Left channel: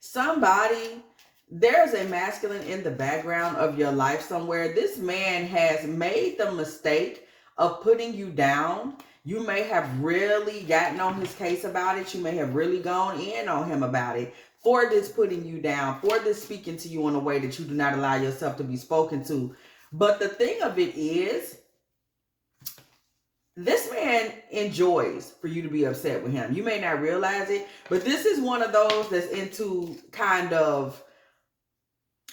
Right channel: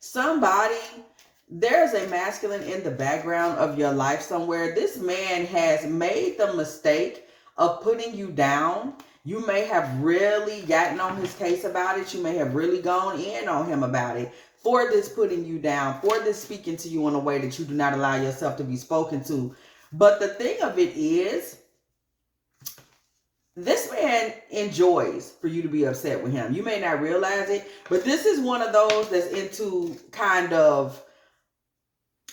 Somebody, there's a masculine in the background of your life somewhere. This man has made the mistake of putting you down. You may have really gotten on his case about it. You may have really gone in on him about it for this putting you down, for this speaking to you in a way that you do not allow yourself to be spoken to. But the thing of it is, this man enjoys for you to be upset with him. You may not realize it, but this is one of those that's into kind of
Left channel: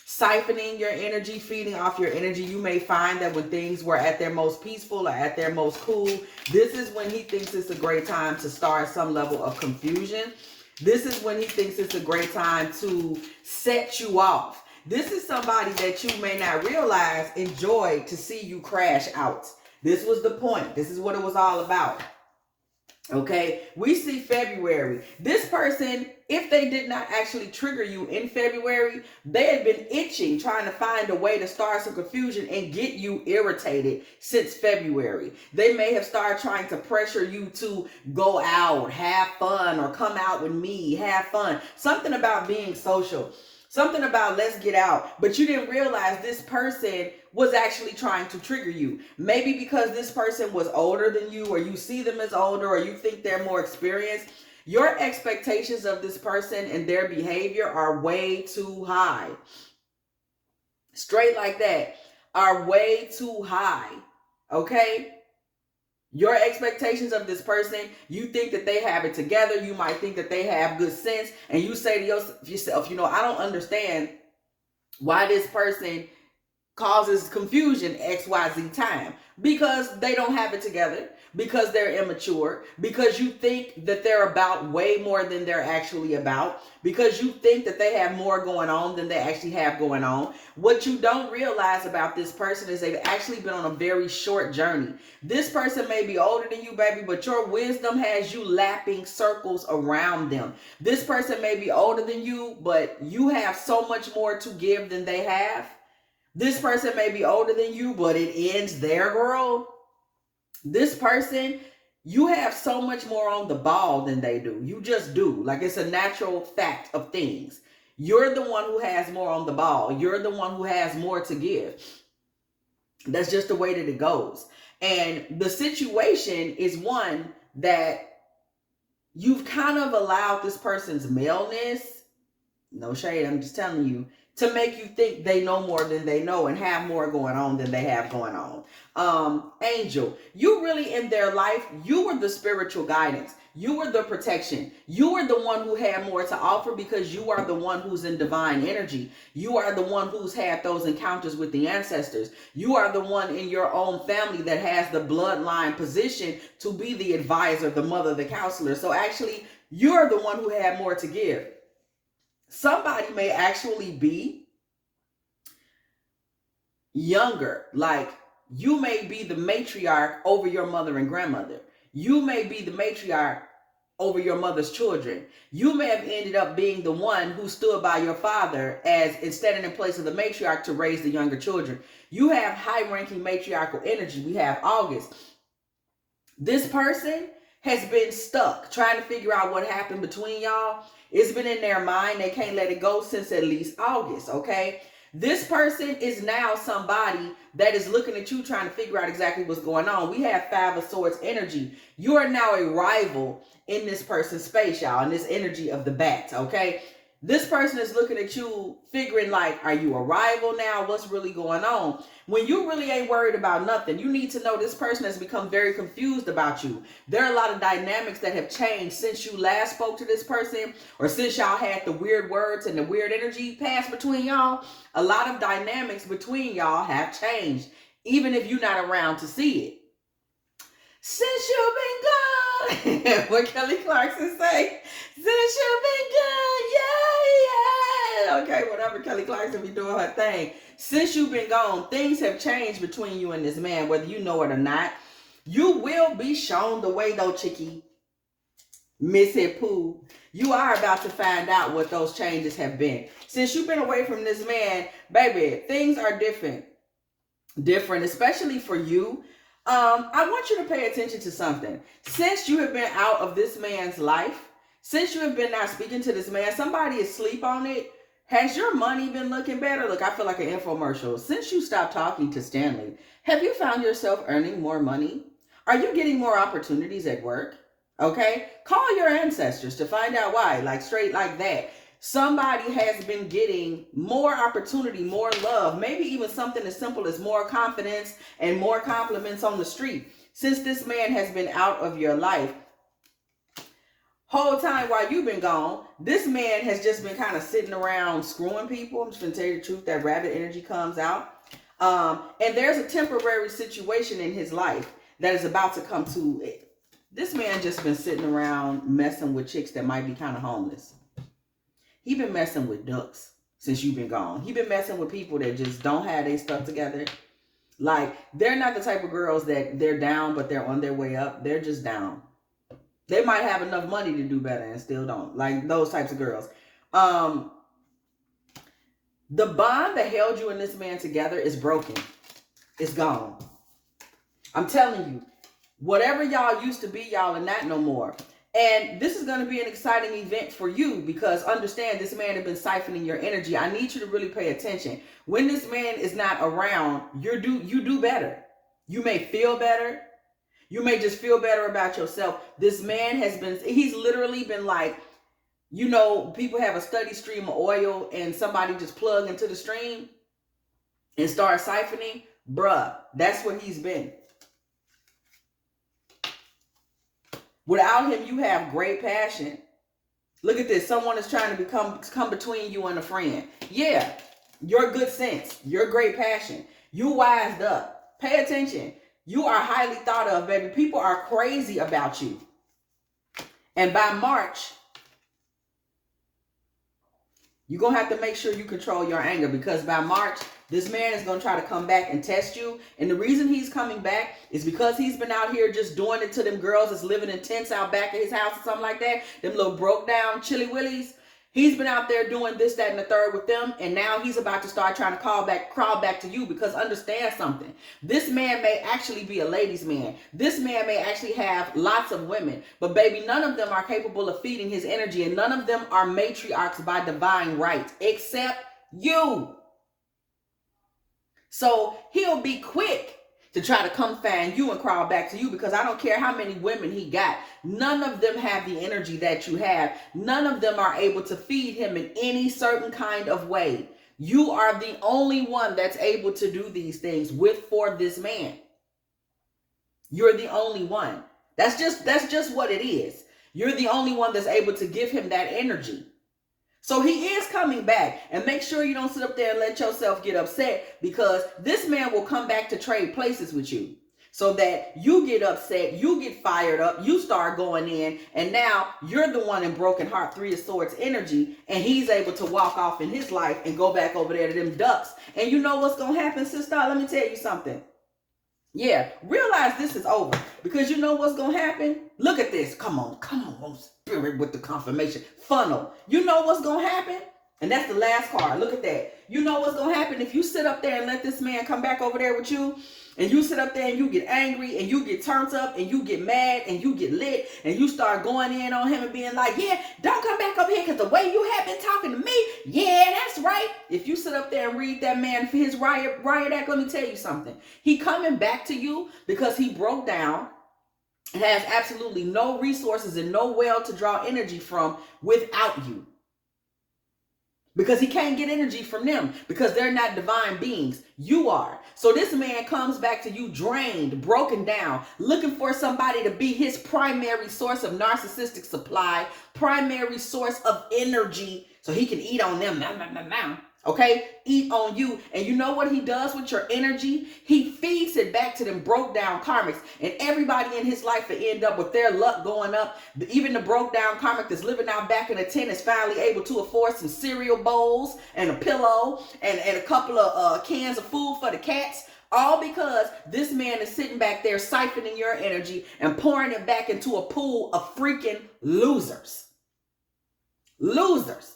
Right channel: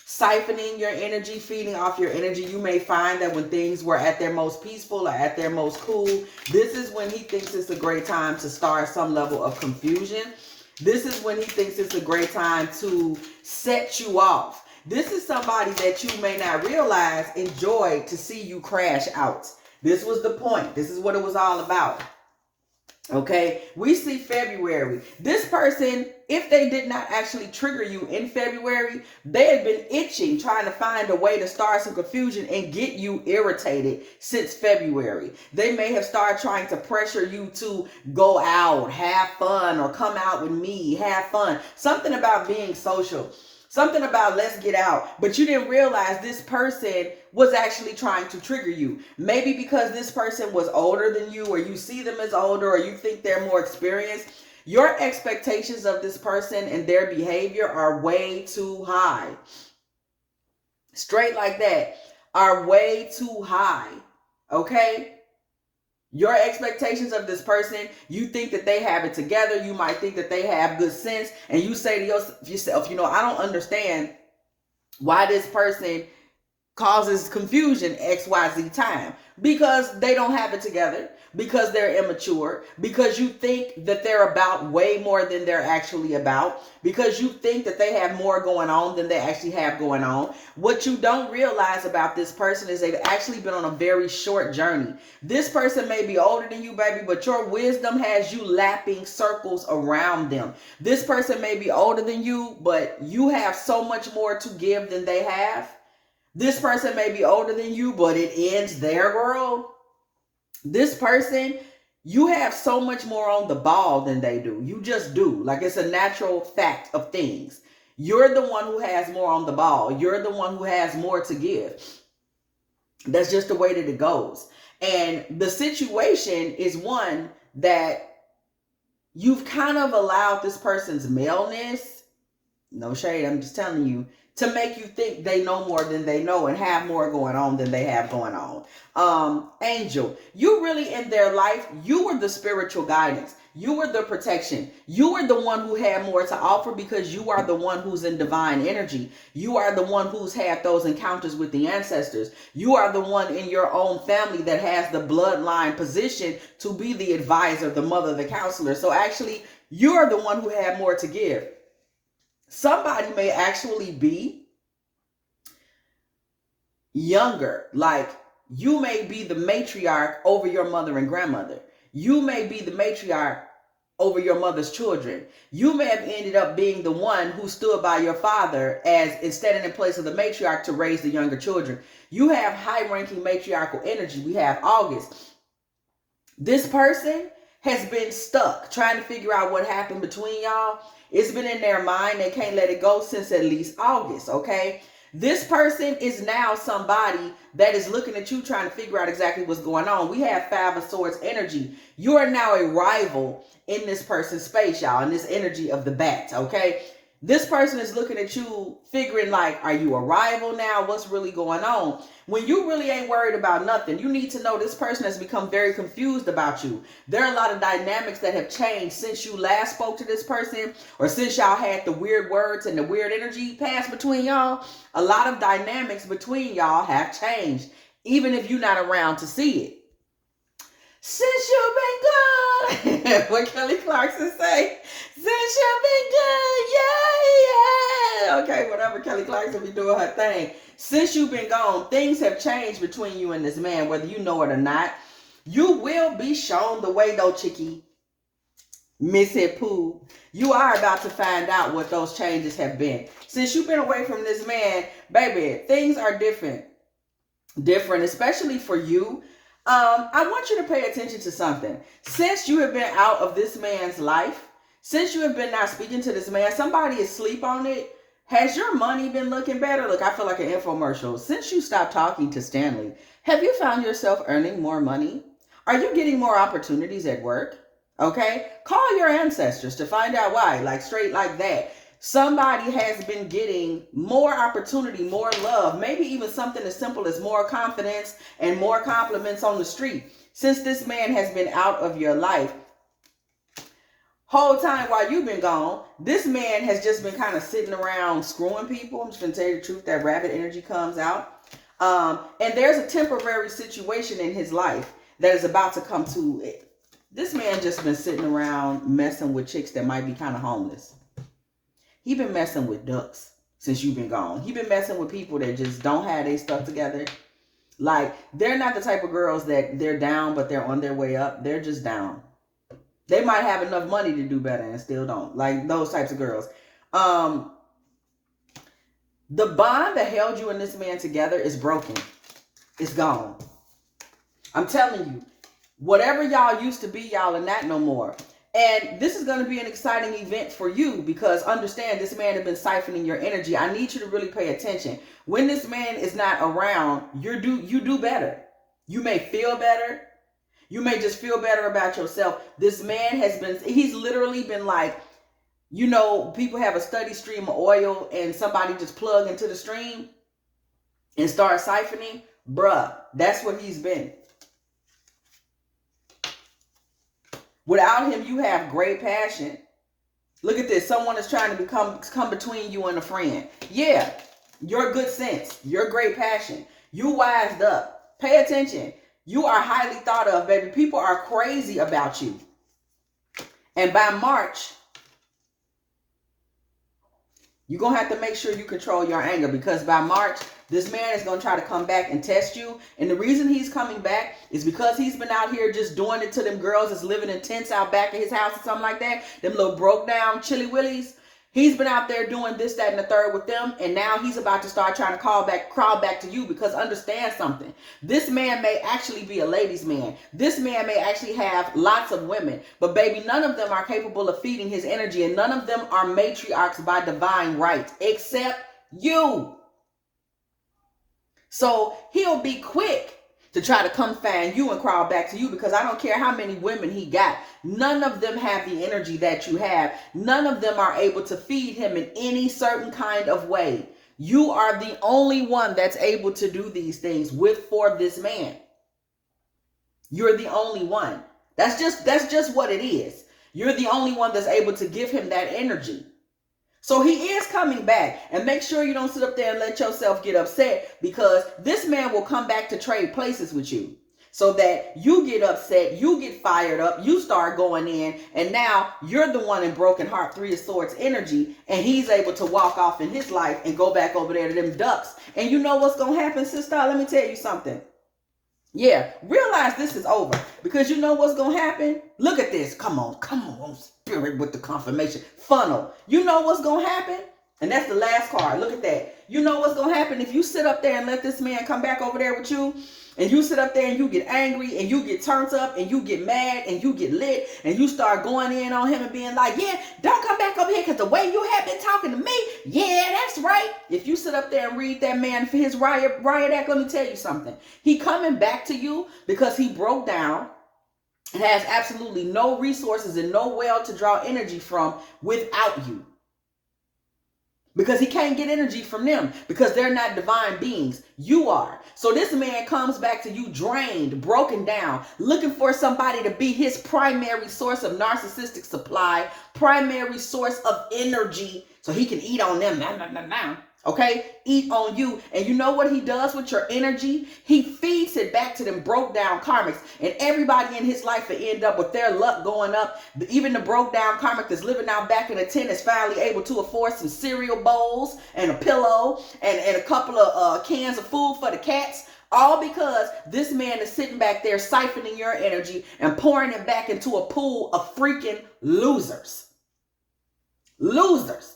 siphoning your energy, feeding off your energy. You may find that when things were at their most peaceful or at their most cool, this is when he thinks it's a great time to start some level of confusion. This is when he thinks it's a great time to set you off. This is somebody that you may not realize enjoyed to see you crash out. This was the point. This is what it was all about. Okay, we see February. This person, if they did not actually trigger you in February, they had been itching, trying to find a way to start some confusion and get you irritated since February. They may have started trying to pressure you to go out, have fun, or come out with me, have fun. Something about being social. Something about let's get out. But you didn't realize this person was actually trying to trigger you. Maybe because this person was older than you, or you see them as older, or you think they're more experienced. Your expectations of this person and their behavior are way too high. Straight like that, are way too high. Okay? Your expectations of this person, you think that they have it together. You might think that they have good sense. And you say to yourself, you know, I don't understand why this person causes confusion XYZ time. Because they don't have it together. Because they're immature. Because you think that they're about way more than they're actually about. Because you think that they have more going on than they actually have going on. What you don't realize about this person is they've actually been on a very short journey. This person may be older than you, baby, but your wisdom has you lapping circles around them. This person may be older than you, but you have so much more to give than they have. This person may be older than you, but it ends there, girl. This person, you have so much more on the ball than they do. You just do. Like, it's a natural fact of things. You're the one who has more on the ball. You're the one who has more to give. That's just the way that it goes. And the situation is one that you've kind of allowed this person's maleness, no shade, I'm just telling you, to make you think they know more than they know and have more going on than they have going on. Angel, you really in their life, you were the spiritual guidance. You were the protection. You were the one who had more to offer because you are the one who's in divine energy. You are the one who's had those encounters with the ancestors. You are the one in your own family that has the bloodline position to be the advisor, the mother, the counselor. So actually, you're the one who had more to give. Somebody may actually be younger. Like, you may be the matriarch over your mother and grandmother. You may be the matriarch over your mother's children. You may have ended up being the one who stood by your father as instead in place of the matriarch to raise the younger children. You have high-ranking matriarchal energy. We have August. This person has been stuck trying to figure out what happened between y'all. It's been in their mind. They can't let it go since at least August, okay? This person is now somebody that is looking at you trying to figure out exactly what's going on. We have Five of Swords energy. You are now a rival in this person's space, y'all, in this energy of the bat, okay? This person is looking at you figuring like, are you a rival now? What's really going on? When you really ain't worried about nothing, you need to know this person has become very confused about you. There are a lot of dynamics that have changed since you last spoke to this person or since y'all had the weird words and the weird energy pass between y'all. A lot of dynamics between y'all have changed, even if you're not around to see it. Since you've been gone, what Kelly Clarkson say? Since you've been gone, yeah. Okay, whatever Kelly Clarkson be doing her thing. Since you've been gone, things have changed between you and this man, whether you know it or not. You will be shown the way though, chickie. Missy Pooh. You are about to find out what those changes have been. Since you've been away from this man, baby, things are different. Different, especially for you. I want you to pay attention to something. Since you have been out of this man's life, Since you have been not speaking to this man, somebody is asleep on it. Has your money been looking better? Look, I feel like an infomercial. Since you stopped talking to Stanley, have you found yourself earning more money? Are you getting more opportunities at work? Okay, call your ancestors to find out why, like straight like that. Somebody has been getting more opportunity, more love, maybe even something as simple as more confidence and more compliments on the street. Since this man has been out of your life, whole time while you've been gone, this man has just been kind of sitting around screwing people. I'm just going to tell you the truth, that rabbit energy comes out. And there's a temporary situation in his life that is about to come to it. This man just been sitting around messing with chicks that might be kind of homeless. He been messing with ducks since you've been gone. He been messing with people that just don't have their stuff together. Like, they're not the type of girls that they're down, but they're on their way up. They're just down. They might have enough money to do better and still don't. Like those types of girls. The bond that held you and this man together is broken. It's gone. I'm telling you, whatever y'all used to be, y'all are not no more. And this is going to be an exciting event for you because understand this man has been siphoning your energy. I need you to really pay attention. When this man is not around, you do better. You may feel better. You may just feel better about yourself. This man he's literally been like, you know, people have a steady stream of oil and somebody just plug into the stream and start siphoning. Bruh, that's what he's been. Without him, you have great passion. Look at this. Someone is trying to come between you and a friend. Yeah, your good sense, your great passion. You wised up. Pay attention. You are highly thought of, baby. People are crazy about you. And by March, you're going to have to make sure you control your anger because by March, this man is going to try to come back and test you. And the reason he's coming back is because he's been out here just doing it to them girls that's living in tents out back of his house or something like that. Them little broke down chilly willies. He's been out there doing this, that, and the third with them. And now he's about to start trying to crawl back to you because understand something. This man may actually be a ladies' man. This man may actually have lots of women. But baby, none of them are capable of feeding his energy. And none of them are matriarchs by divine right except you. So he'll be quick to try to come find you and crawl back to you because I don't care how many women he got. None of them have the energy that you have. None of them are able to feed him in any certain kind of way. You are the only one that's able to do these things for this man. You're the only one. That's just what it is. You're the only one that's able to give him that energy. So he is coming back, and make sure you don't sit up there and let yourself get upset because this man will come back to trade places with you so that you get upset, you get fired up, you start going in, and now you're the one in broken heart, Three of Swords energy, and he's able to walk off in his life and go back over there to them ducks. And you know what's going to happen, sister? Let me tell you something. Yeah, realize this is over because you know what's going to happen? Look at this. Come on, spirit with the confirmation. Funnel. You know what's going to happen? And that's the last card. Look at that. You know what's going to happen if you sit up there and let this man come back over there with you and you sit up there and you get angry and you get turned up and you get mad and you get lit and you start going in on him and being like, yeah, don't come back over here because the way you have been talking to me, yeah, that's right. If you sit up there and read that man for his riot act, let me tell you something. He coming back to you because he broke down and has absolutely no resources and no well to draw energy from without you. Because he can't get energy from them because they're not divine beings. You are. So this man comes back to you drained, broken down, looking for somebody to be his primary source of narcissistic supply, primary source of energy so he can eat on them. Okay? Eat on you. And you know what he does with your energy? He feeds it back to them broke down karmics. And everybody in his life will end up with their luck going up. Even the broke down karmic that's living out back in the tent is finally able to afford some cereal bowls and a pillow and a couple of cans of food for the cats. All because this man is sitting back there siphoning your energy and pouring it back into a pool of freaking losers. Losers.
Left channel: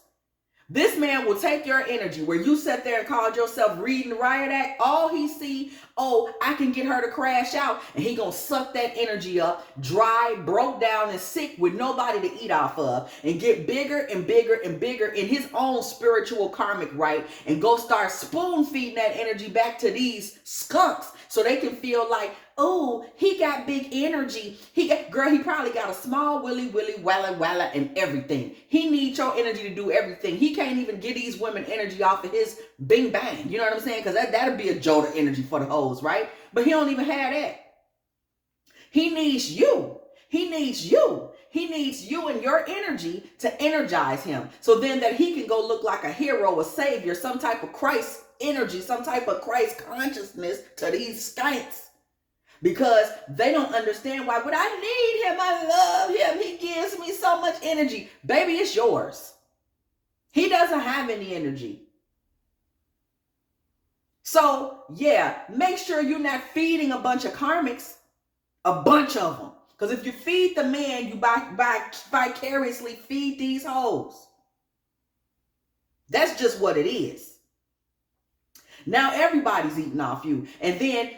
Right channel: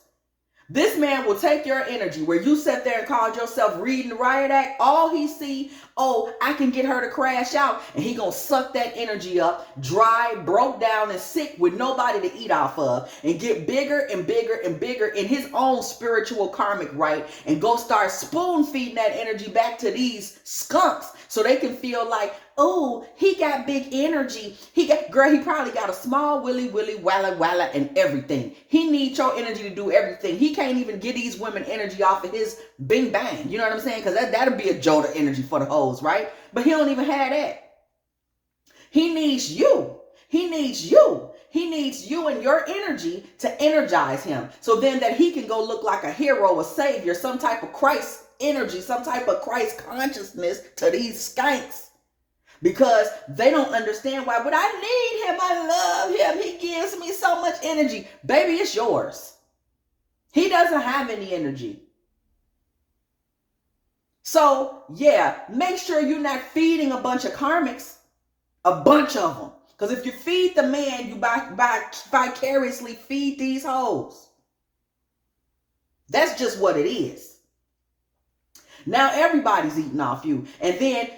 This man will take your energy where you sat there and called yourself reading the riot act. All he see, oh, I can get her to crash out. And he gonna suck that energy up, dry, broke down, and sick with nobody to eat off of, and get bigger and bigger and bigger in his own spiritual karmic right, and go start spoon feeding that energy back to these skunks so they can feel like, oh, he got big energy. Girl, he probably got a small willy, walla, and everything. He needs your energy to do everything. He can't even get these women energy off of his bing bang. You know what I'm saying? Because that'll be a jolt of energy for the hoes, right? But he don't even have that. He needs you. He needs you. He needs you and your energy to energize him. So then that he can go look like a hero, a savior, some type of Christ energy, some type of Christ consciousness to these skanks. Because they don't understand why would I need him? I love him. He gives me so much energy. Baby, it's yours. He doesn't have any energy. So, yeah, make sure you're not feeding a bunch of karmics. A bunch of them. Because if you feed the man, you vicariously feed these hoes. That's just what it is. Now everybody's eating off you. And then,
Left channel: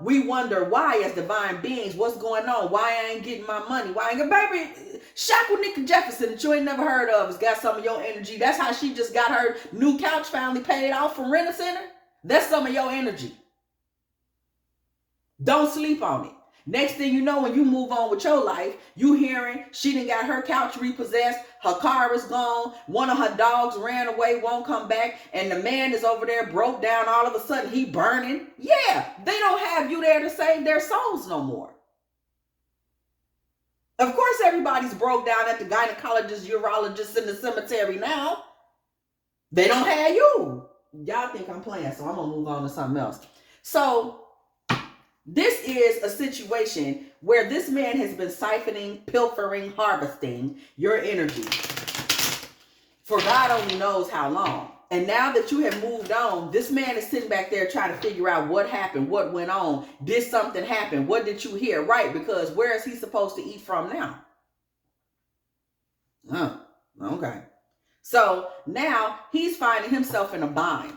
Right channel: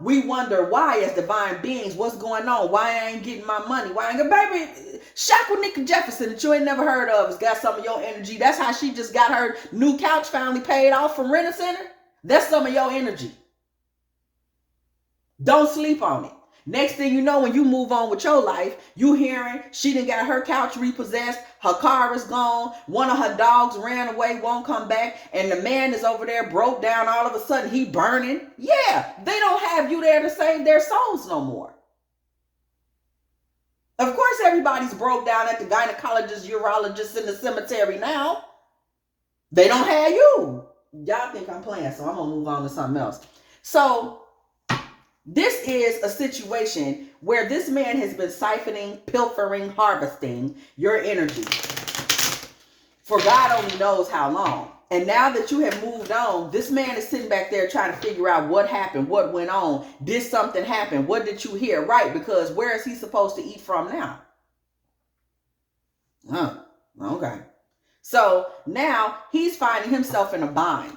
we wonder why as divine beings, what's going on? Why I ain't getting my money? Why I ain't baby, Shackle Jefferson that you ain't never heard of has got some of your energy. That's how she just got her new couch finally paid off from Rent-A-Center. That's some of your energy. Don't sleep on it. Next thing you know, when you move on with your life, you hearing she done got her couch repossessed, her car is gone, one of her dogs ran away, won't come back, and the man is over there broke down, all of a sudden he burning. Yeah, they don't have you there to save their souls no more. Of course everybody's broke down at the gynecologist, urologist in the cemetery now. They don't have you. Y'all think I'm playing, so I'm going to move on to something else. So this is a situation where this man has been siphoning, pilfering, harvesting your energy for God only knows how long. And now that you have moved on, this man is sitting back there trying to figure out what happened, what went on. Did something happen? What did you hear? Right, because where is he supposed to eat from now? Okay. So now he's finding himself in a bind.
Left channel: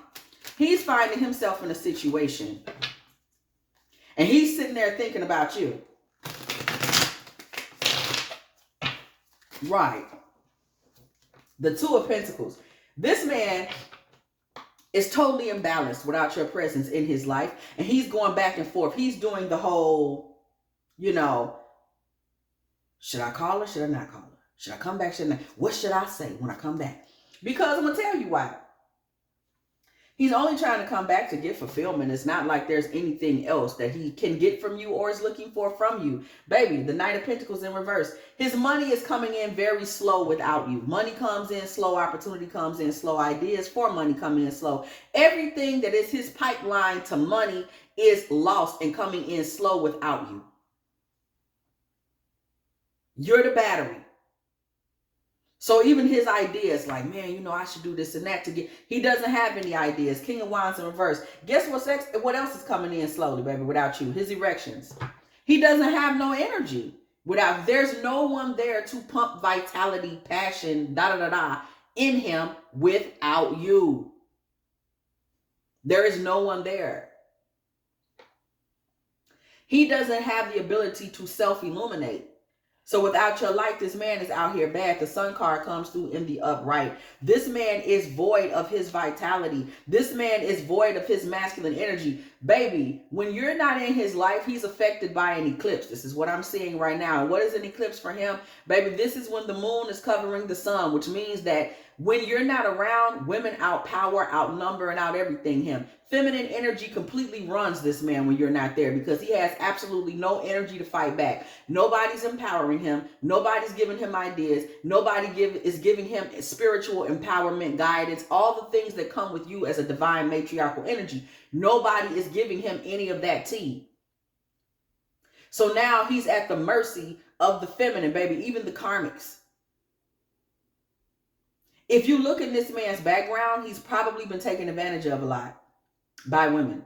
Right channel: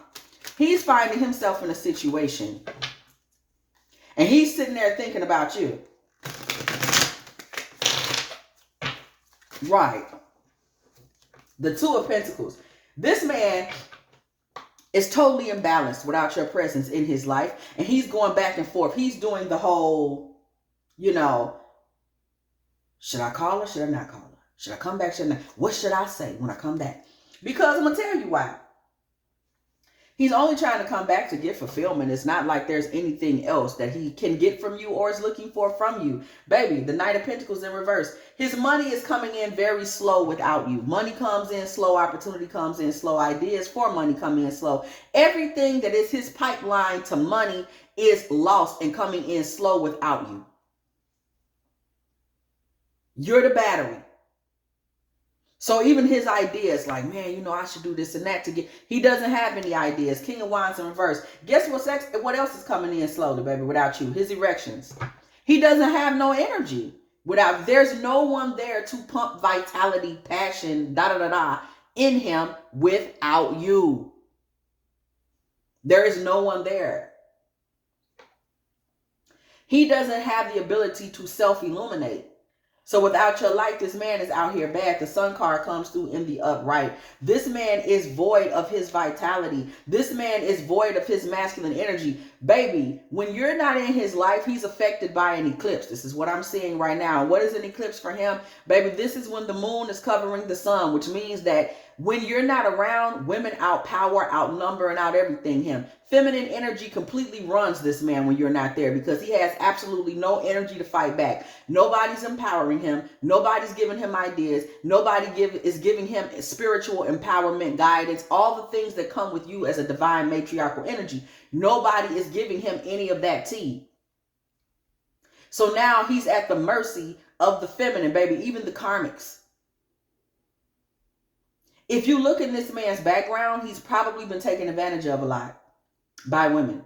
He's finding himself in a situation. And he's sitting there thinking about you. Right. The Two of Pentacles. This man is totally imbalanced without your presence in his life. And he's going back and forth. He's doing the whole, should I call her? Should I not call her? Should I come back? Should I not? What should I say when I come back? Because I'm going to tell you why. He's only trying to come back to get fulfillment. It's not like there's anything else that he can get from you or is looking for from you. Baby, the Knight of Pentacles in reverse. His money is coming in very slow without you. Money comes in slow. Opportunity comes in slow. Ideas for money come in slow. Everything that is his pipeline to money is lost and coming in slow without you. You're the battery. So even his ideas like, man, I should do this and that to get, he doesn't have any ideas. King of Wands in reverse. Guess what else is coming in slowly, baby, without you? His erections. He doesn't have no energy without, there's no one there to pump vitality, passion, in him without you. There is no one there. He doesn't have the ability to self-illuminate. So without your light, this man is out here bad. The Sun card comes through in the upright. This man is void of his vitality. This man is void of his masculine energy. Baby, when you're not in his life, he's affected by an eclipse. This is what I'm seeing right now. What is an eclipse for him? Baby, this is when the moon is covering the sun, which means that when you're not around, women outpower, outnumber, and out everything him. Feminine energy completely runs this man when you're not there because he has absolutely no energy to fight back. Nobody's empowering him. Nobody's giving him ideas. Nobody is giving him spiritual empowerment, guidance, all the things that come with you as a divine matriarchal energy. Nobody is giving him any of that tea. So now he's at the mercy of the feminine, baby, even the karmics. If you look in this man's background, he's probably been taken advantage of a lot by women.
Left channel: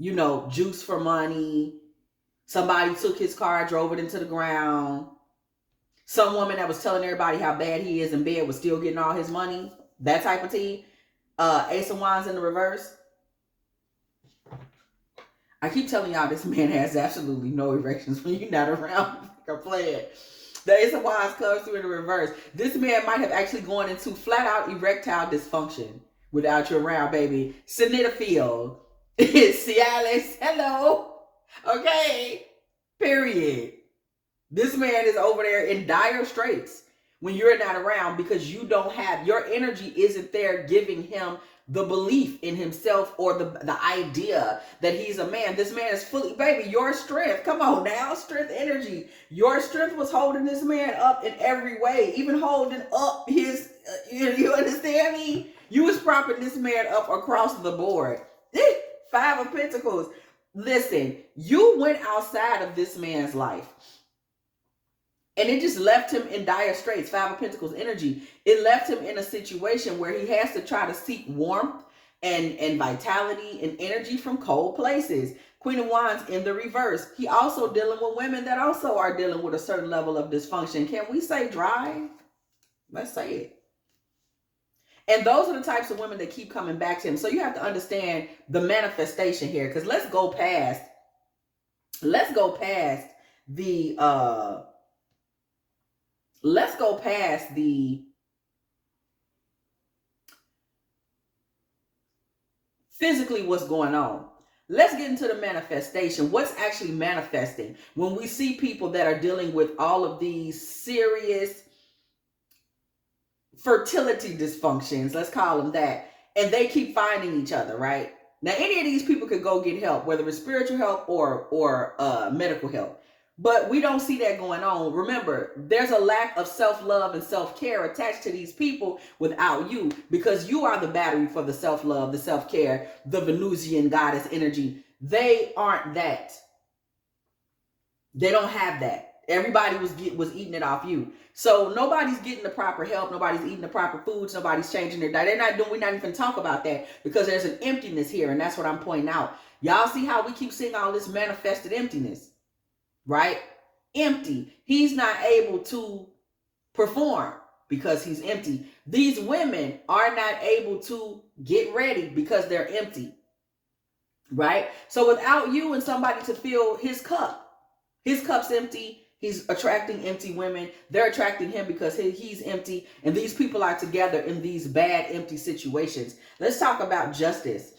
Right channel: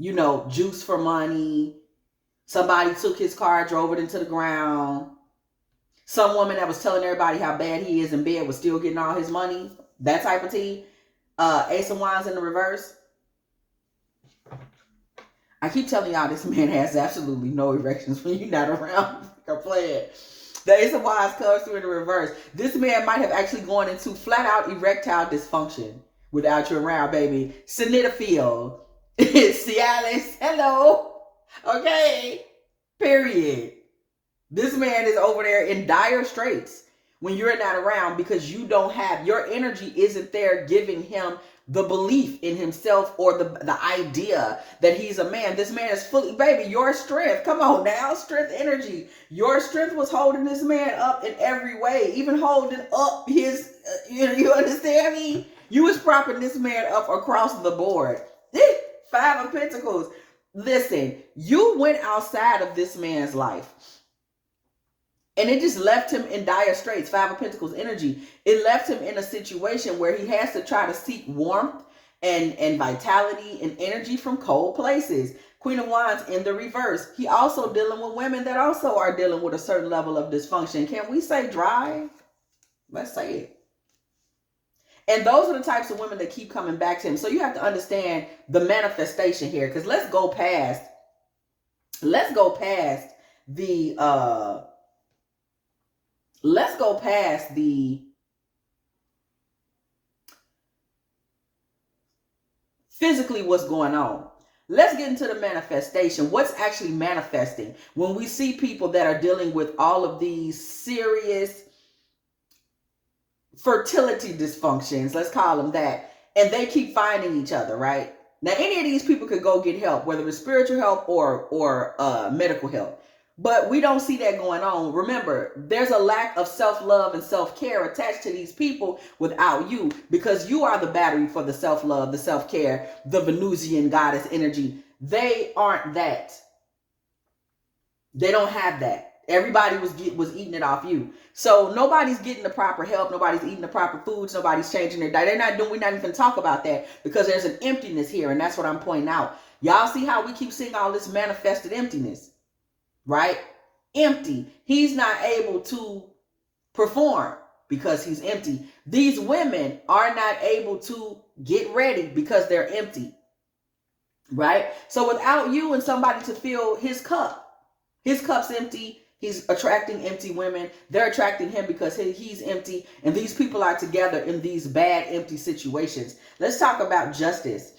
Juice for money. Somebody took his car, drove it into the ground. Some woman that was telling everybody how bad he is in bed was still getting all his money. That type of tea. Ace of Wands in the reverse. I keep telling y'all this man has absolutely no erections when you're not around. I'm playing. The Ace of Wands comes through in the reverse. This man might have actually gone into flat out erectile dysfunction without you around, baby. Sinidophile. Cialis. Hello. Okay. Period. This man is over there in dire straits when you're not around because you don't have, your energy isn't there giving him the belief in himself or the idea that he's a man. This man is fully, baby, your strength. Come on now, strength, energy. Your strength was holding this man up in every way, even holding up his, you understand me? You was propping this man up across the board. Five of Pentacles. Listen, you went outside of this man's life. And it just left him in dire straits. Five of Pentacles energy. It left him in a situation where he has to try to seek warmth and vitality and energy from cold places. Queen of Wands in the reverse. He also dealing with women that also are dealing with a certain level of dysfunction. Can we say dry? Let's say it. And those are the types of women that keep coming back to him. So you have to understand the manifestation here. Because let's go past the physically what's going on. Let's get into the manifestation. What's actually manifesting when we see people that are dealing with all of these serious fertility dysfunctions, let's call them that, and they keep finding each other, right? Now, any of these people could go get help, whether it's spiritual help or medical help. But we don't see that going on. Remember, there's a lack of self-love and self-care attached to these people without you, because you are the battery for the self-love, the self-care, the Venusian goddess energy. They aren't that. They don't have that. Everybody was eating it off you. So nobody's getting the proper help. Nobody's eating the proper foods. Nobody's changing their diet. We're not even talk about that because there's an emptiness here. And that's what I'm pointing out. Y'all see how we keep seeing all this manifested emptiness. Right? Empty. He's not able to perform because he's empty. These women are not able to get ready because they're empty. Right? So without you and somebody to fill his cup's empty. He's attracting empty women. They're attracting him because he's empty. And these people are together in these bad, empty situations. Let's talk about justice.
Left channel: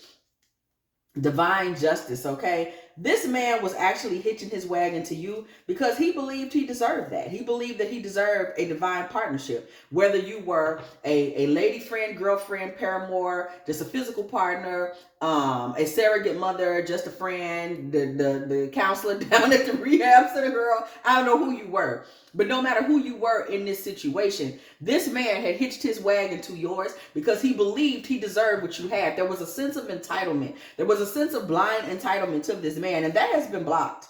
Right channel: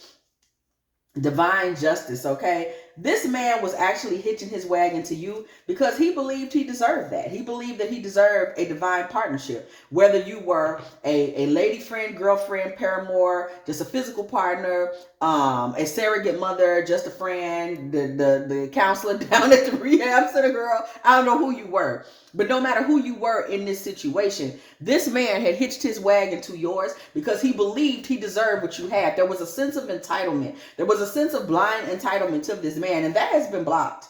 Divine justice, okay? This man was actually hitching his wagon to you because he believed he deserved that. He believed that he deserved a divine partnership. Whether you were a lady friend, girlfriend, paramour, just a physical partner, a surrogate mother, just a friend, the counselor down at the rehab center girl. I don't know who you were. But no matter who you were in this situation, this man had hitched his wagon to yours because he believed he deserved what you had. There was a sense of entitlement. There was a sense of blind entitlement to this man, and that has been blocked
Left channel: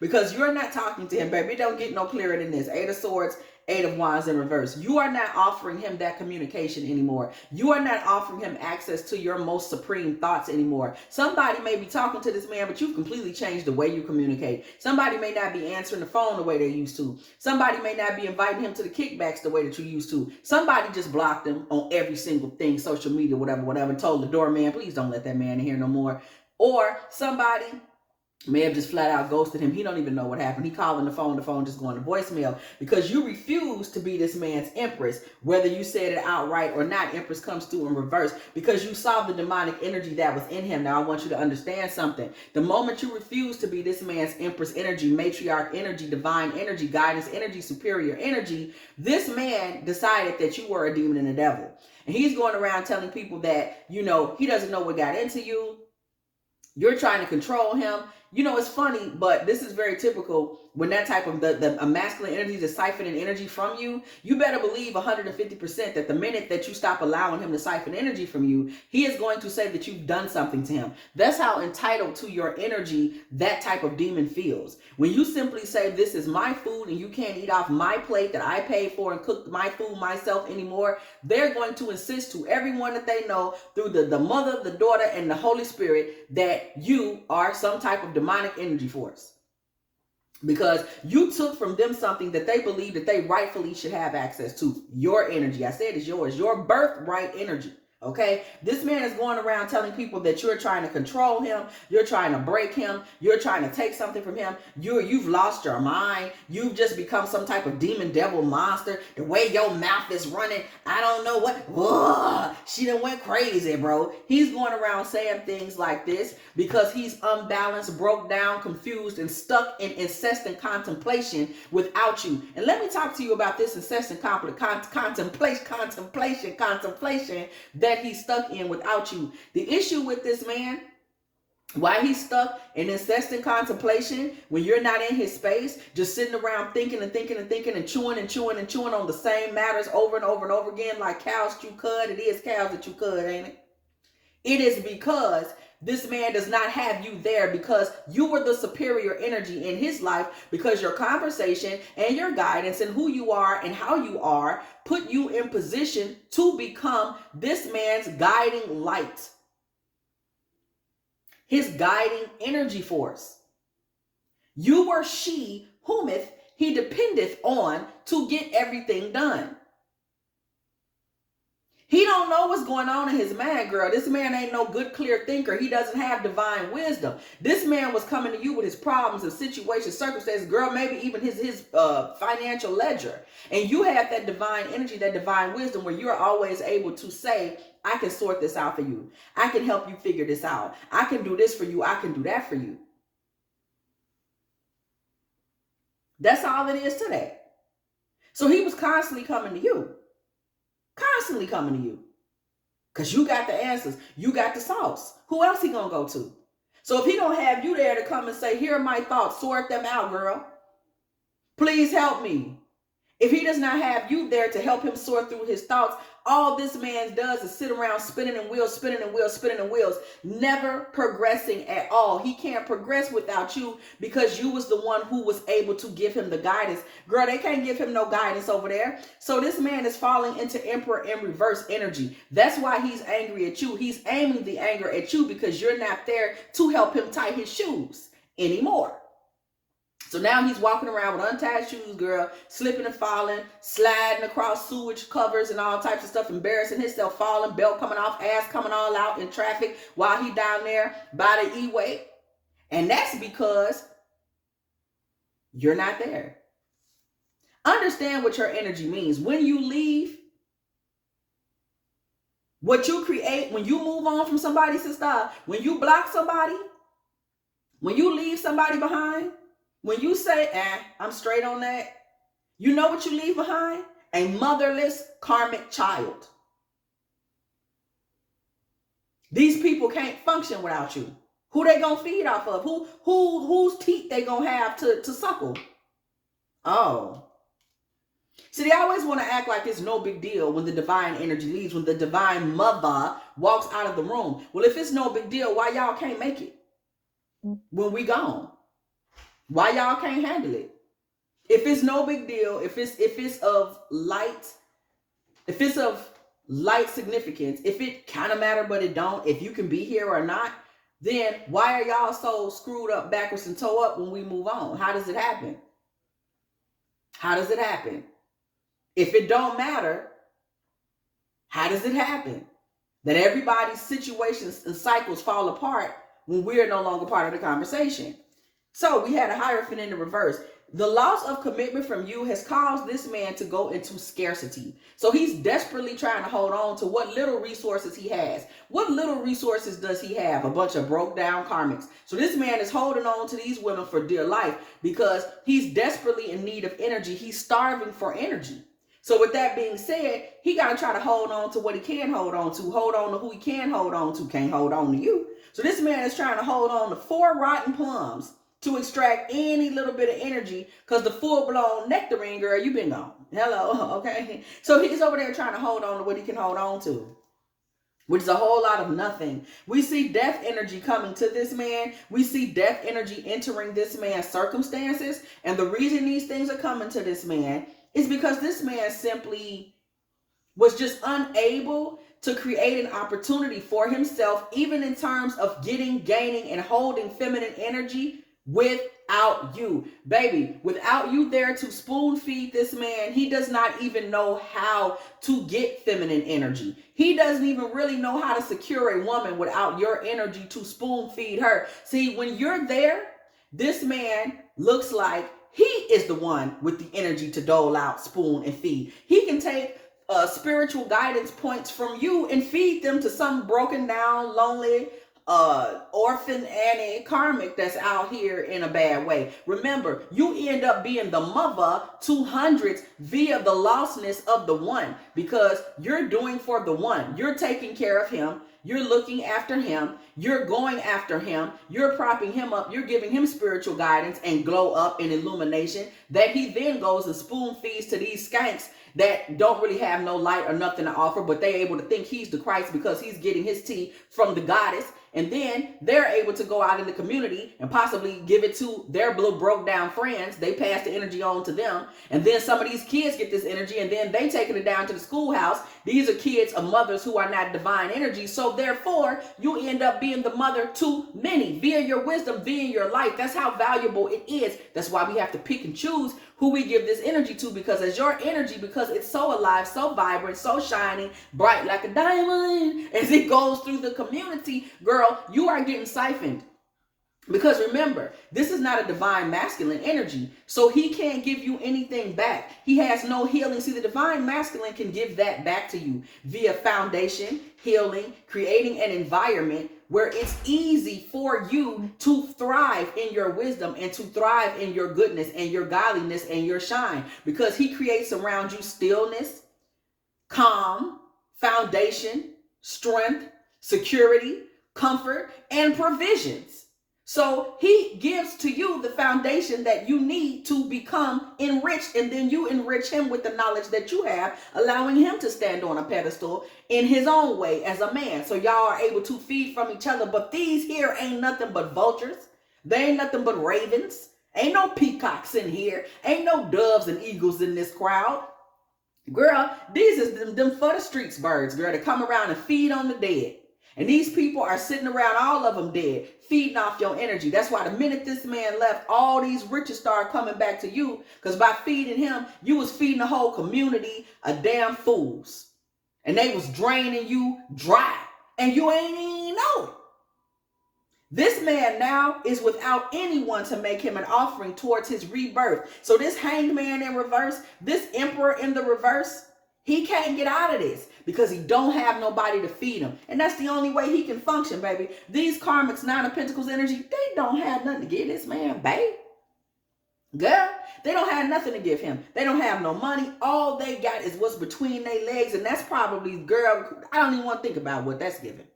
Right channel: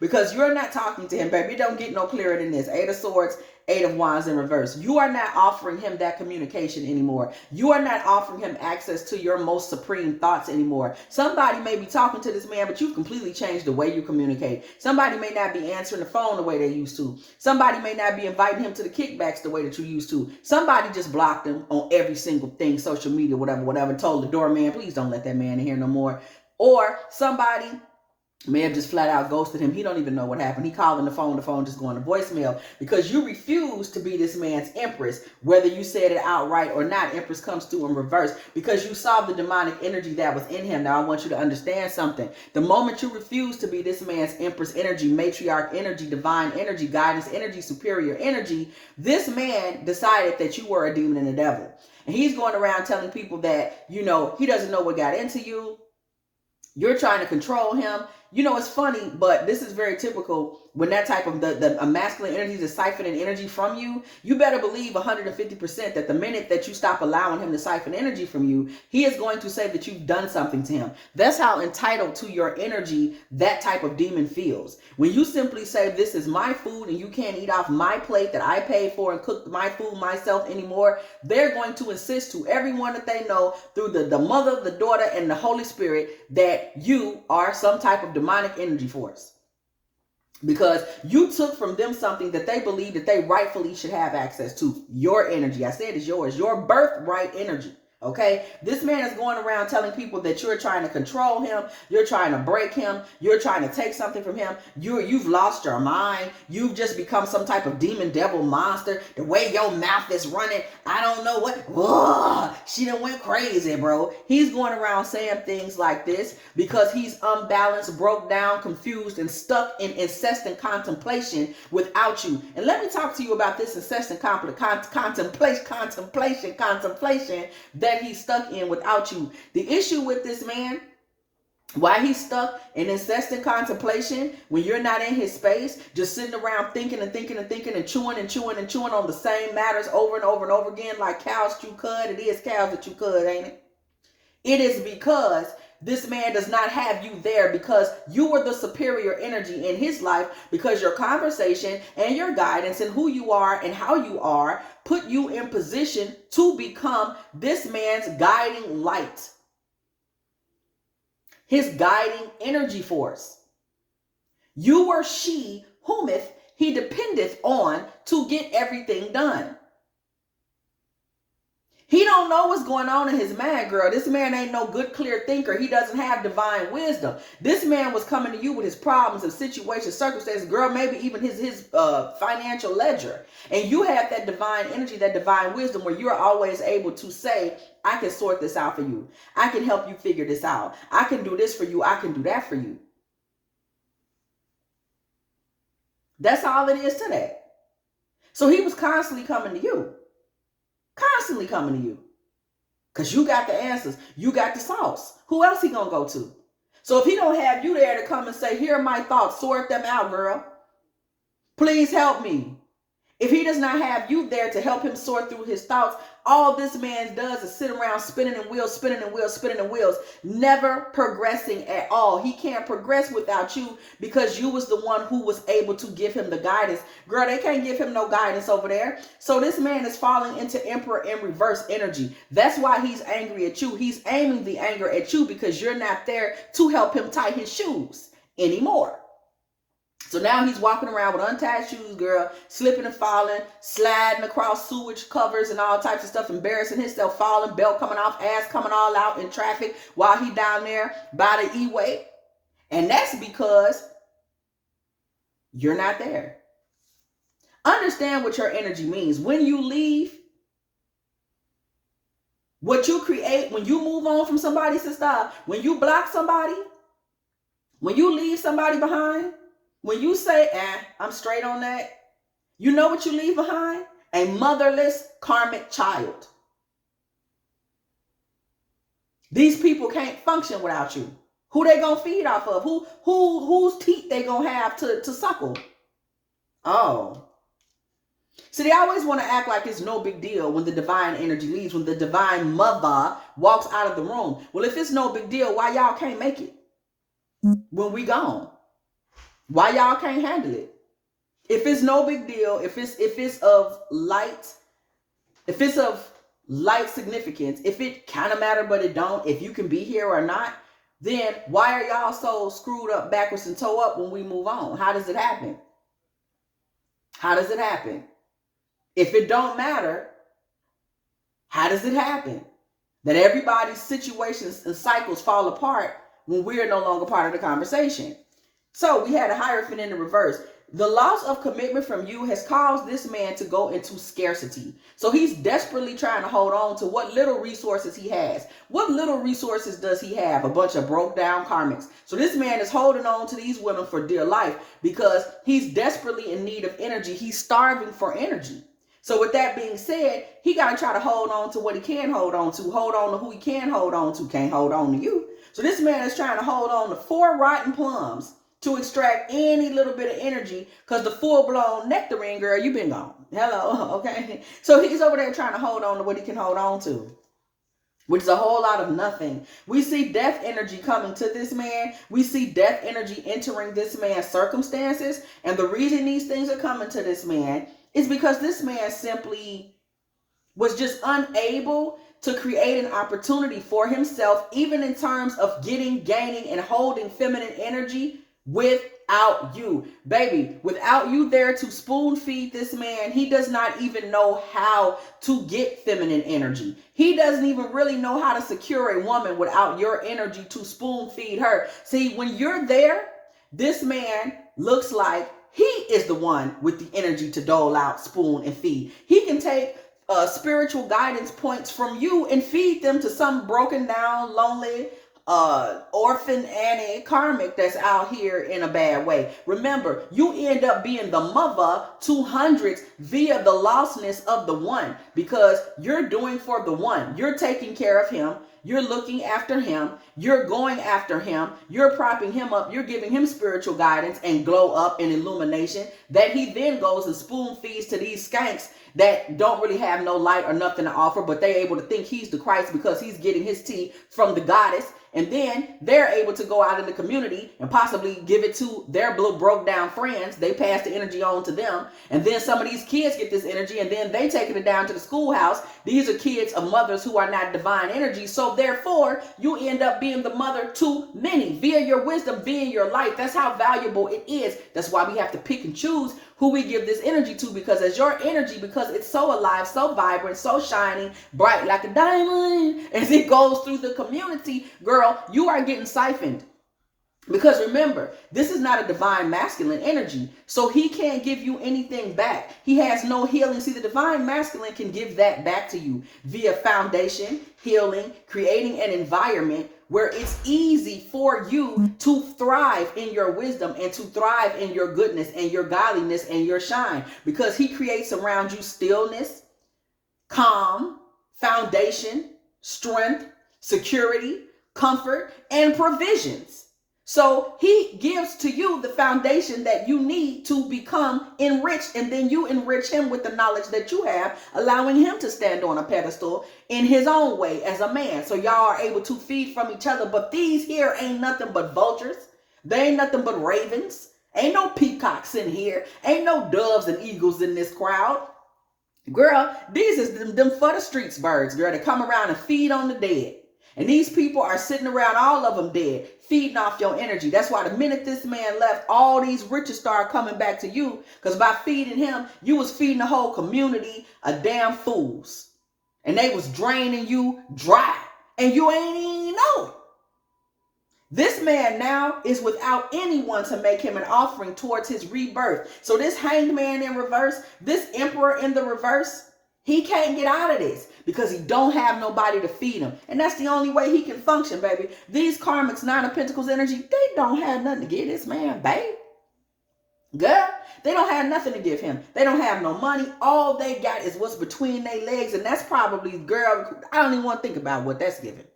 because you're not talking to him, baby. It don't get no clearer than this. Eight of Swords, Eight of Wands in reverse. You are not offering him that communication anymore. You are not offering him access to your most supreme thoughts anymore. Somebody may be talking to this man, but you've completely changed the way you communicate. Somebody may not be answering the phone the way they used to. Somebody may not be inviting him to the kickbacks the way that you used to. Somebody just blocked him on every single thing, social media, whatever, and told the doorman, please don't let that man in here no more. Or somebody may have just flat out ghosted him. He don't even know what happened. He calling the phone just going to voicemail because you refuse to be this man's empress. Whether you said it outright or not, empress comes through in reverse because you saw the demonic energy that was in him. Now I want you to understand something. The moment you refuse to be this man's empress energy, matriarch energy, divine energy, guidance energy, superior energy, this man decided that you were a demon and a devil. And he's going around telling people that, he doesn't know what got into you. You're trying to control him. It's funny, but this is very typical when that type of the masculine energy is siphoning energy from you. You better believe 150% that the minute that you stop allowing him to siphon energy from you, he is going to say that you've done something to him. That's how entitled to your energy that type of demon feels. When you simply say, this is my food and you can't eat off my plate that I paid for and cook my food myself anymore, they're going to insist to everyone that they know through the mother, the daughter, and the Holy Spirit that you are some type of demonic energy force. Because you took from them something that they believe that they rightfully should have access to. Your energy. I said it's yours. Your birthright energy. Okay, this man is going around telling people that you're trying to control him, you're trying to break him, you're trying to take something from him. You've lost your mind. You've just become some type of demon devil monster. The way your mouth is running, I don't know what. Whoa, she done went crazy, bro. He's going around saying things like this because he's unbalanced, broke down, confused, and stuck in incessant contemplation without you. And let me talk to you about this incessant contemplation that he's stuck in without you. The issue with this man, why he's stuck in incessant contemplation when you're not in his space, just sitting around thinking and thinking and thinking and chewing on the same matters over and over and over again like cows chew cud. It is cows that chew cud, ain't it? It is because this man does not have you there because you were the superior energy in his life, because your conversation and your guidance and who you are and how you are put you in position to become this man's guiding light, his guiding energy force. You were she whometh he dependeth on to get everything done. He don't know what's going on in his mind, girl. This man ain't no good, clear thinker. He doesn't have divine wisdom. This man was coming to you with his problems and situations, circumstances, girl, maybe even his financial ledger. And you have that divine energy, that divine wisdom where you're always able to say, I can sort this out for you. I can help you figure this out. I can do this for you. I can do that for you. That's all it is today. So he was constantly coming to you. Constantly coming to you. Because you got the answers. You got the sauce. Who else he gonna go to? So if he don't have you there to come and say, here are my thoughts, sort them out, girl. Please help me. If he does not have you there to help him sort through his thoughts, all this man does is sit around spinning and wheels, never progressing at all. He can't progress without you because you was the one who was able to give him the guidance. Girl, they can't give him no guidance over there. So this man is falling into emperor in reverse energy. That's why he's angry at you. He's aiming the anger at you because you're not there to help him tie his shoes anymore. So now he's walking around with untied shoes, girl, slipping and falling, sliding across sewage covers and all types of stuff, embarrassing himself, falling, belt coming off, ass coming all out in traffic while he down there by the E-way. And that's because you're not there. Understand what your energy means. When you leave, what you create, when you move on from somebody, sister, when you block somebody, when you leave somebody behind, when you say, I'm straight on that, you know what you leave behind? A motherless karmic child. These people can't function without you. Who they gonna feed off of? Whose teeth they gonna have to suckle? Oh. See, they always want to act like it's no big deal when the divine energy leaves, when the divine mother walks out of the room. Well, if it's no big deal, why y'all can't make it when we gone? Why y'all can't handle it? If it's no big deal, if it's of light significance, if it kind of matter but it don't, if you can be here or not, then why are y'all so screwed up backwards and toe up when we move on? How does it happen? How does it happen? If it don't matter, how does it happen that everybody's situations and cycles fall apart when we're no longer part of the conversation? So we had a Hierophant in the reverse. The loss of commitment from you has caused this man to go into scarcity. So he's desperately trying to hold on to what little resources he has. What little resources does he have? A bunch of broke down karmics. So this man is holding on to these women for dear life because he's desperately in need of energy. He's starving for energy. So with that being said, he got to try to hold on to what he can hold on to who he can hold on to, can't hold on to you. So this man is trying to hold on to 4 rotten plums to extract any little bit of energy, because the full-blown nectarine, girl, you been gone. Hello, okay? So he's over there trying to hold on to what he can hold on to, which is a whole lot of nothing. We see death energy coming to this man. We see death energy entering this man's circumstances. And the reason these things are coming to this man is because this man simply was just unable to create an opportunity for himself, even in terms of gaining, and holding feminine energy with without you. Baby, without you there to spoon feed this man, he does not even know how to get feminine energy. He doesn't even really know how to secure a woman without your energy to spoon feed her. See, when you're there, this man looks like he is the one with the energy to dole out, spoon, and feed. He can take spiritual guidance points from you and feed them to some broken down, lonely, orphan Annie karmic that's out here in a bad way. Remember, you end up being the mother to hundreds via the lostness of the one, because you're doing for the one. You're taking care of him. You're looking after him. You're going after him. You're propping him up. You're giving him spiritual guidance and glow up and illumination that he then goes and spoon feeds to these skanks that don't really have no light or nothing to offer, but they're able to think he's the Christ because he's getting his tea from the goddess. And then they're able to go out in the community and possibly give it to their little broke down friends. They pass the energy on to them. And then some of these kids get this energy and then they taking it down to the schoolhouse. These are kids of mothers who are not divine energy. So therefore, you end up being the mother to many via your wisdom, via your life. That's how valuable it is. That's why we have to pick and choose who we give this energy to, because as your energy, because it's so alive, so vibrant, so shining, bright like a diamond, as it goes through the community, girl, you are getting siphoned. Because remember, this is not a divine masculine energy, so he can't give you anything back. He has no healing. See, the divine masculine can give that back to you via foundation, healing, creating an environment where it's easy for you to thrive in your wisdom and to thrive in your goodness and your godliness and your shine, because he creates around you stillness, calm, foundation, strength, security, comfort, and provisions. So he gives to you the foundation that you need to become enriched, and then you enrich him with the knowledge that you have, allowing him to stand on a pedestal in his own way as a man. So y'all are able to feed from each other. But these here ain't nothing but vultures. They ain't nothing but ravens. Ain't no peacocks in here. Ain't no doves and eagles in this crowd. Girl, these is them for the streets birds, girl, that come around and feed on the dead. And these people are sitting around, all of them dead, feeding off your energy. That's why the minute this man left, all these riches started coming back to you. Because by feeding him, you was feeding the whole community of damn fools. And they was draining you dry. And you ain't even know it. This man now is without anyone to make him an offering towards his rebirth. So this hanged man in reverse, this emperor in the reverse, he can't get out of this because he don't have nobody to feed him. And that's the only way he can function, baby. These karmics, Nine of Pentacles energy, they don't have nothing to give this man, babe. Girl, they don't have nothing to give him. They don't have no money. All they got is what's between their legs. And that's probably, girl, I don't even want to think about what that's giving.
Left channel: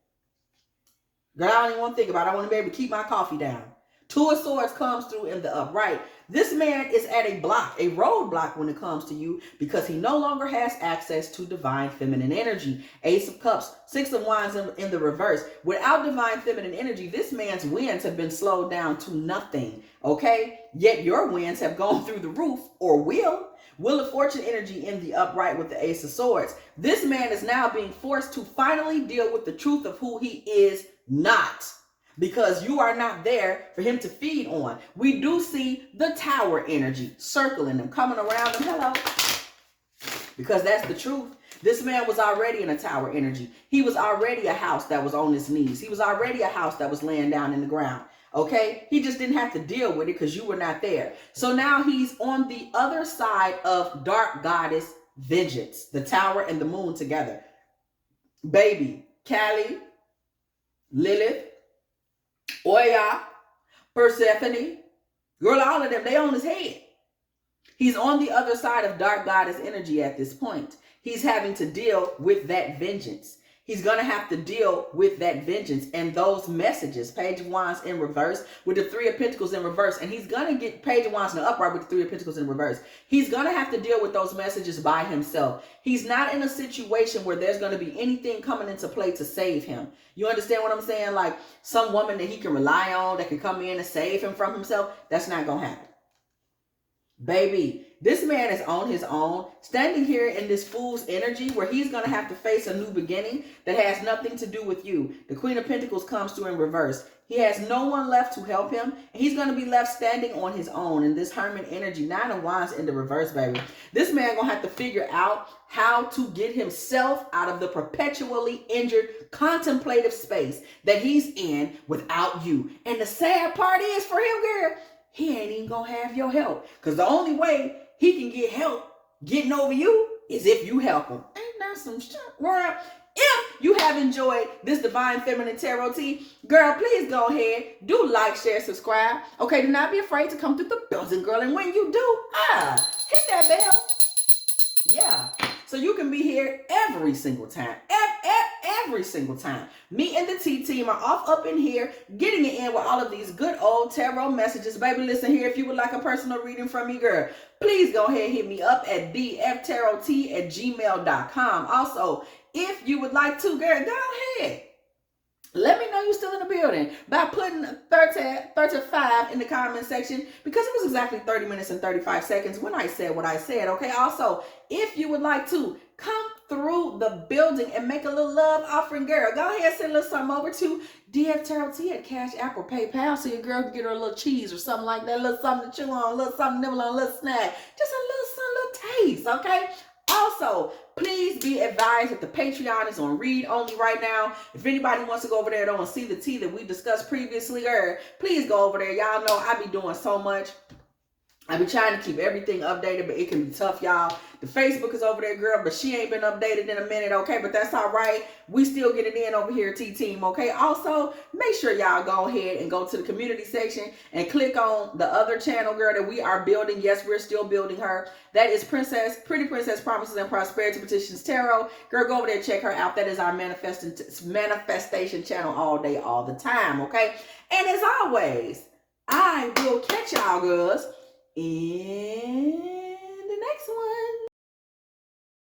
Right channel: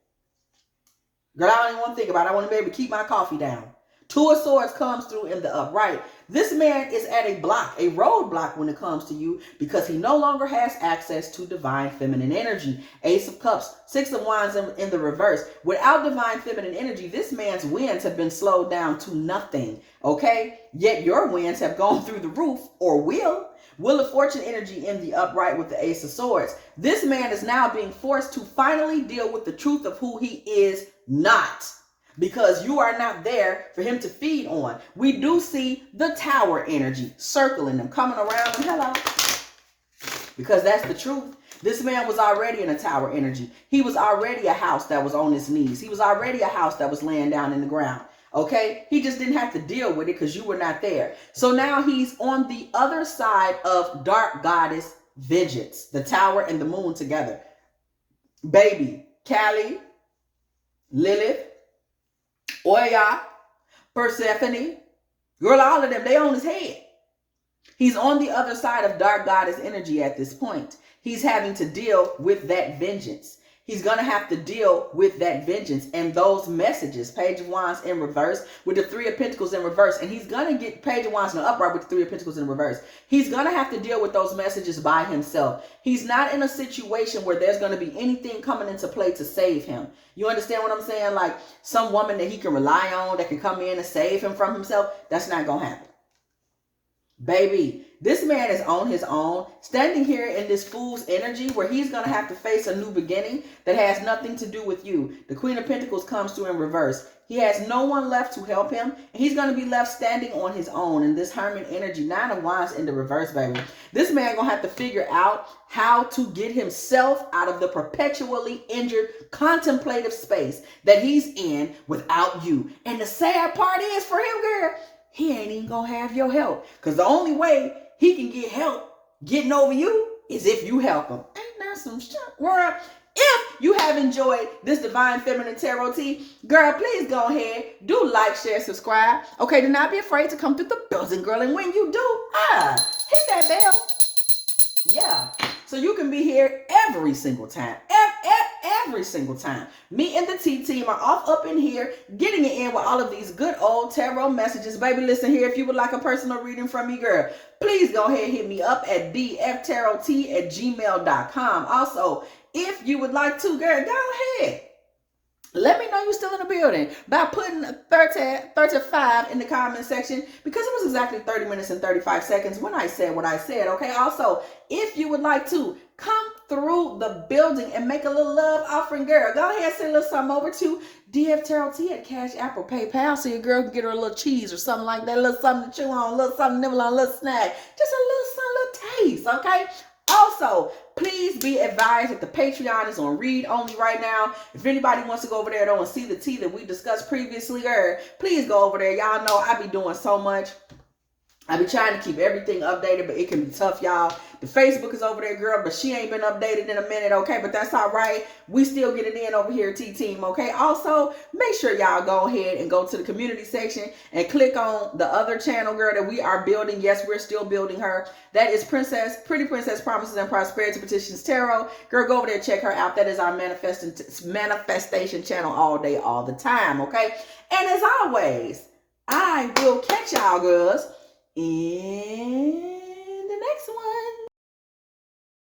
Girl, I don't even want to think about it. I want to be able to keep my coffee down. Two of Swords comes through in the upright. This man is at a block, a roadblock when it comes to you, because he no longer has access to divine feminine energy. Ace of Cups, Six of Wands in the reverse. Without divine feminine energy, this man's winds have been slowed down to nothing, okay? Yet your winds have gone through the roof, or will. Wheel of Fortune energy in the upright with the Ace of Swords. This man is now being forced to finally deal with the truth of who he is not, because you are not there for him to feed on. We do see the Tower energy circling them, coming around them. Hello. Because that's the truth. This man was already in a Tower energy. He was already a house that was on his knees. He was already a house that was laying down in the ground. Okay? He just didn't have to deal with it because you were not there. So now he's on the other side of Dark Goddess vengeance. The Tower and the Moon together. Baby, Kali, Lilith, Oya, Persephone, girl, all of them, they on his head. He's on the other side of Dark Goddess energy at this point. He's having to deal with that vengeance. He's going to have to deal with that vengeance and those messages. Page of Wands in reverse with the Three of Pentacles in reverse. And he's going to get Page of Wands in the upright with the Three of Pentacles in reverse. He's going to have to deal with those messages by himself. He's not in a situation where there's going to be anything coming into play to save him. You understand what I'm saying? Like some woman that he can rely on that can come in and save him from himself. That's not going to happen. Baby, This man is on his own, standing here in this fool's energy where he's going to have to face a new beginning that has nothing to do with you. The Queen of Pentacles comes through in reverse. He has no one left to help him. And he's going to be left standing on his own in this Hermit energy. 9 of Wands in the reverse, baby. This man going to have to figure out how to get himself out of the perpetually injured contemplative space that he's in without you. And the sad part is for him, girl, he ain't even going to have your help. Because the only way he can get help getting over you is if you help him. Ain't that some shit, world? If you have enjoyed this Divine Feminine Tarot Tea, girl, please go ahead, do like, share, subscribe. Okay, do not be afraid to come through the building, girl. And when you do, hit that bell. Yeah. So you can be here every single time. Every single time. Me and the T team are off up in here, getting it in with all of these good old tarot messages. Baby, listen here. If you would like a personal reading from me, girl, please go ahead and hit me up at dftarottea@gmail.com. Also, if you would like to, girl, go ahead. Let me know you're still in the building by putting 35 in the comment section, because it was exactly 30 minutes and 35 seconds when I said what I said, okay? Also, if you would like to come through the building and make a little love offering, girl, go ahead and send a little something over to dftarottea at Cash App or PayPal so your girl can get her a little cheese or something like that, a little something to chew on, a little something to nibble on, a little snack, just a little something, a little taste, okay? Also, please be advised that the Patreon is on read only right now. If anybody wants to go over there and see the tea that we discussed previously, please go over there. Y'all know I be doing so much. I be trying to keep everything updated, but it can be tough, y'all. The Facebook is over there, girl, but she ain't been updated in a minute, okay? But that's all right. We still get it in over here, T-Team, okay? Also, make sure y'all go ahead and go to the community section and click on the other channel, girl, that we are building. Yes, we're still building her. That is Pretty Princess Promises and Prosperity Petitions Tarot. Girl, go over there and check her out. That is our manifestation channel all day, all the time, okay? And as always, I will catch y'all, girls, in